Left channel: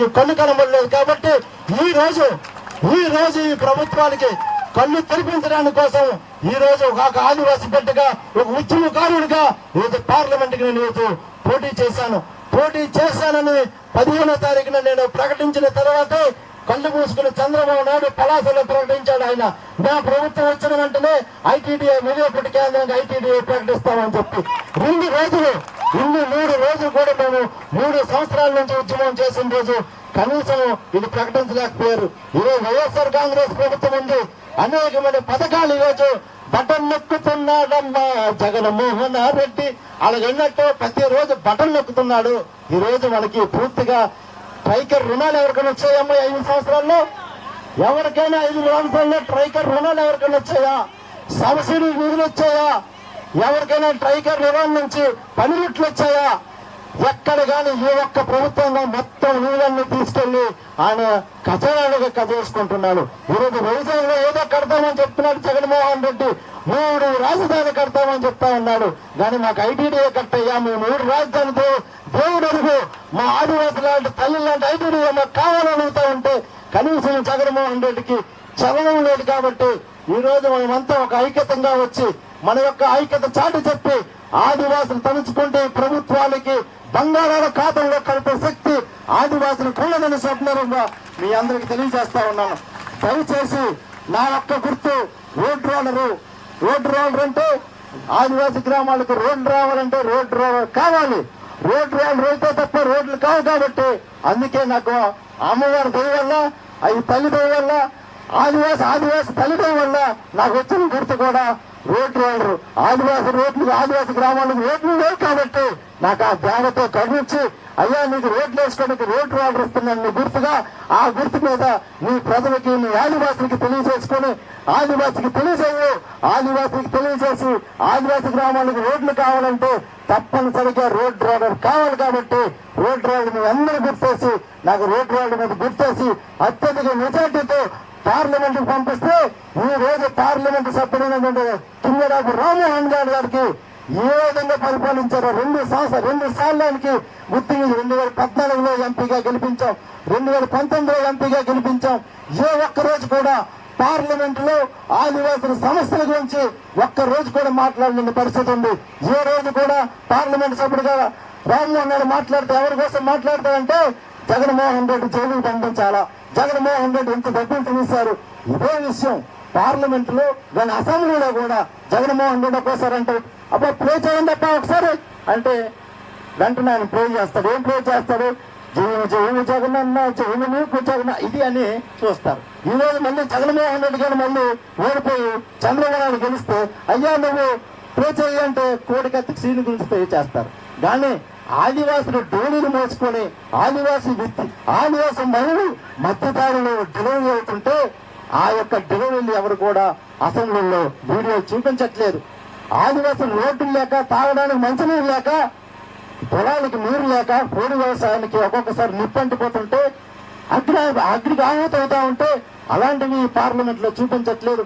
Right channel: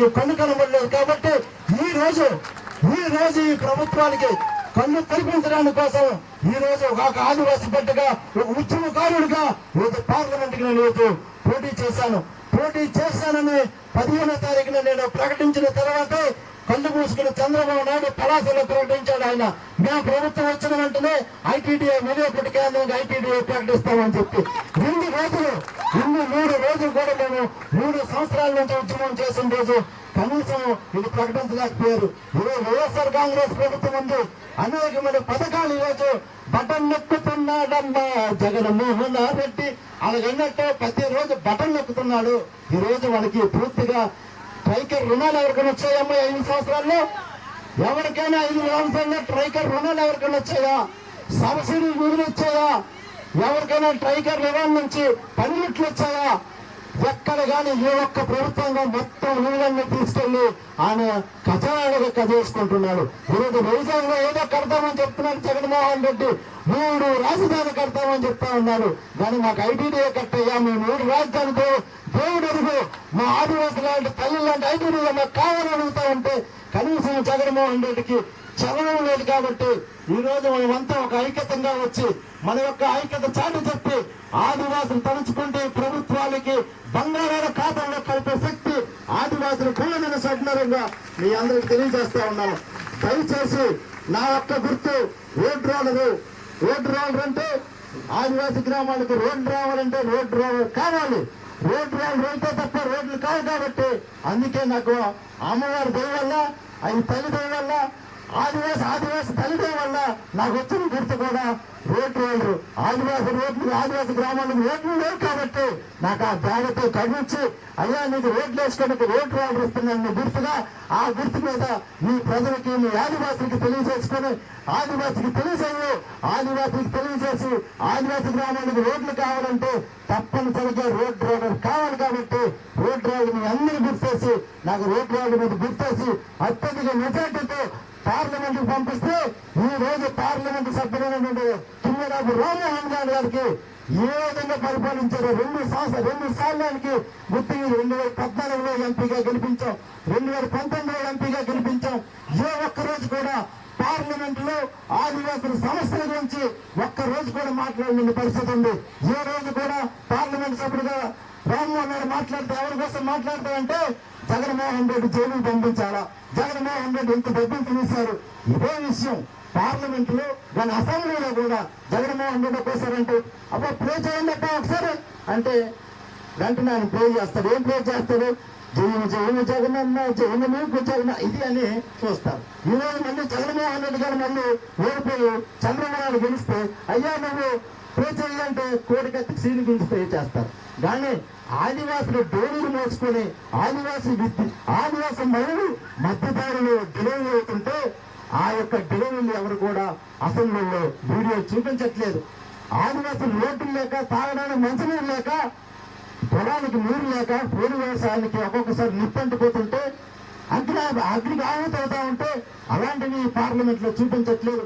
ప్రభుత్వానికి కన్ను కనబడలేదు. కాబట్టి ఈ రోజు ఈ ప్రభుత్వానికి కళ్ళు తెరిపించడానికి కోసం ఈ రోజు ఒక ఆదివాసీ బిడ్డగా ఒక ఉద్యమకారుడిగా ఈరోజు పార్లమెంట్ కి నేను ఈరోజు పోటీ చేశానని 15వ తారీఖున నేను ప్రకటించిన తర్వాతే కళ్ళు మూసుకుని చంద్రబాబు నాయుడు పలాసలో ప్రకటించాడు. ఆయన మా ప్రభుత్వం వచ్చిన వెంటనే ఐటీడీఏ విలువపట్టి కేంద్రానికి ఐటీడీఏ ప్రకటిస్తామని చెప్పి 3 రోజులు కూడా మేము 3 సంవత్సరాల నుంచి ఉద్యమం చేసిన రోజు కనీసం ఇది ప్రకటించలేకపోయారు. ఈరోజు వైఎస్ఆర్ కాంగ్రెస్ ప్రభుత్వం ఉంది, అనేకమైన పథకాలు ఈరోజు బటన్ నొక్కుతున్నాడమ్మా జగన్మోహన్ రెడ్డి అలాగన్నట్టు ప్రతిరోజు బటన్ నొక్కుతున్నాడు. ఈ రోజు మనకి పూర్తిగా ట్రైకర్ రుణాలు ఎవరికైనా వచ్చాయమ్మా 5 సంవత్సరాల్లో? ఎవరికైనా 5 సంవత్సరాల్లో ట్రైకర్ రుణాలు ఎవరికైనా వచ్చాయా? సబ్సిడీ నిధులు వచ్చాయా? ఎవరికైనా ట్రైకర్ రుణం నుంచి పనిముట్లు వచ్చాయా? ఎక్కడ కానీ ఏ ఒక్క ప్రభుత్వంగా మొత్తం నీళ్ళన్ని తీసుకెళ్లి ఆయన ఖజానాలుగా కదేసుకుంటున్నాడు. ఈరోజు వ్యవసాయంలో ఏదో కడతామని చెప్తున్నాడు జగన్మోహన్ రెడ్డి, 3 రాజధాని కడతామని చెప్తా ఉన్నాడు. కానీ మాకు ఐటీడీఏ కట్టయ్యా, మేము 3 రాజధానితో దేవుడు అడుగు మా ఆదివాసి లాంటి తల్లి లాంటి ఐటీడీఏ మాకు కావాలని అడుగుతా ఉంటే కనీసం జగన్మోహన్ రెడ్డికి చలనం లేదు. కాబట్టి ఈ రోజు మనమంతా ఒక ఐక్యతంగా వచ్చి మన యొక్క ఐక్యత చాటి చెప్పి ఆదివాసులు తలుచుకుంటే ప్రభుత్వాలకి బంగారాల ఖాతాలో కలిపే శక్తి ఆదివాసులకు ఉన్నదని స్వప్నంగా మీ అందరికి తెలియజేస్తా ఉన్నాను. దయచేసి నా యొక్క గుర్తు రోడ్ రోలర్ అంటే ఆదివాసీ గ్రామాలకు రోడ్డు రావాలంటే రోడ్ రోలర్ కావాలి. రోడ్ రోలర్ అయితే తప్ప రోడ్లు కావు. కాబట్టి అందుకే నాకు అమ్మవారి దయ వల్ల అవి తల్లి దయ వల్ల ఆదివాసి తల్లిదం వల్ల నాకు వచ్చిన గుర్తు కూడా రోడ్ రోలర్. ఆదివాసి గ్రామాలకు రోడ్లు లేవు కాబట్టి నాకు ఆ దేవతో కరుణించి అయ్యా నీకు రోడ్లు వేసుకోవడానికి రోడ్ రోలర్ ఇస్తున్నాను నీ గుర్తుగా. ఆ గుర్తు మీద మీ ప్రజలకి మీ ఆదివాసులకి తెలియజేసుకుని ఆదివాసికి తెలియజేసి ఆదివాసి గ్రామాలకు రోడ్లు కావాలంటే తప్పనిసరిగా రోడ్ రోలర్ కావాలి. కాబట్టి రోడ్ రోలర్ మీ అందరూ గుర్తేసి నాకు రోడ్ రోలర్ మీద గుర్తేసి అత్యధిక మెజార్టీతో పార్లమెంట్ కు పంపిస్తే ఈ రోజు పార్లమెంట్ సభ్యుడైనటువంటి కింజరాపు రామ్మోహన్ గారికి ఏ విధంగా పరిపాలించారో 2 సార్లకి గుర్తు 2014లో ఎంపీగా గెలిపించాం, 2019లో ఎంపీగా గెలిపించాం. ఏ ఒక్క రోజు కూడా పార్లమెంట్ లో ఆదివాసుల సమస్యల గురించి ఒక్క రోజు కూడా మాట్లాడిన పరిస్థితి ఉంది. ఏ రోజు కూడా పార్లమెంట్ సభ్యుడిగా రామ్మోహన్ గారు మాట్లాడితే ఎవరి కోసం మాట్లాడతారంటే జగన్మోహన్ రెడ్డి జైలుకు పంపించాలా, జగన్మోహన్ రెడ్డి ఎంత డబ్బులు తినేశారు. ఇదే విషయం పార్లమెంట్ లో దాని అసెంబ్లీలో కూడా జగన్మోహన్ రెడ్డి ఒక్కోసారి అంటే అబ్బా ప్రే చేయండి అబ్బా ఒకసారి అంటే వెంటనే ఆయన ప్రే చేస్తాడు. ఏం ప్రే చేస్తాడు? జైలు జగనన్న జైలు మీకు జగన్ ఇది అని చూస్తారు. ఈ రోజు మళ్ళీ జగన్మోహన్ రెడ్డి గారు మళ్ళీ ఓడిపోయి చంద్రబాబు నాయుడు గెలిస్తే అయ్యా నువ్వు ప్రే చేయాలంటే కోడికత్తి సీలు గురించి ప్రే చేస్తారు. కానీ ఆదివాసులు డోలీలు మోసుకొని ఆదివాసి మహిళలు మధ్యదారులు డెలివరీ అవుతుంటే ఆ యొక్క డెలివరీలు ఎవరు కూడా అసెంబ్లీలో వీడియో చూపించట్లేదు. ఆదివాసులు రోడ్లు లేక తాగడానికి మంచినీరు లేక పొలానికి నీరు లేక పోడు వ్యవసాయానికి ఒక్కొక్కసారి నిప్పంటిపోతుంటే అగ్నికి ఆహుతవుతా ఉంటే అలాంటివి పార్లమెంట్ లో చూపించట్లేదు.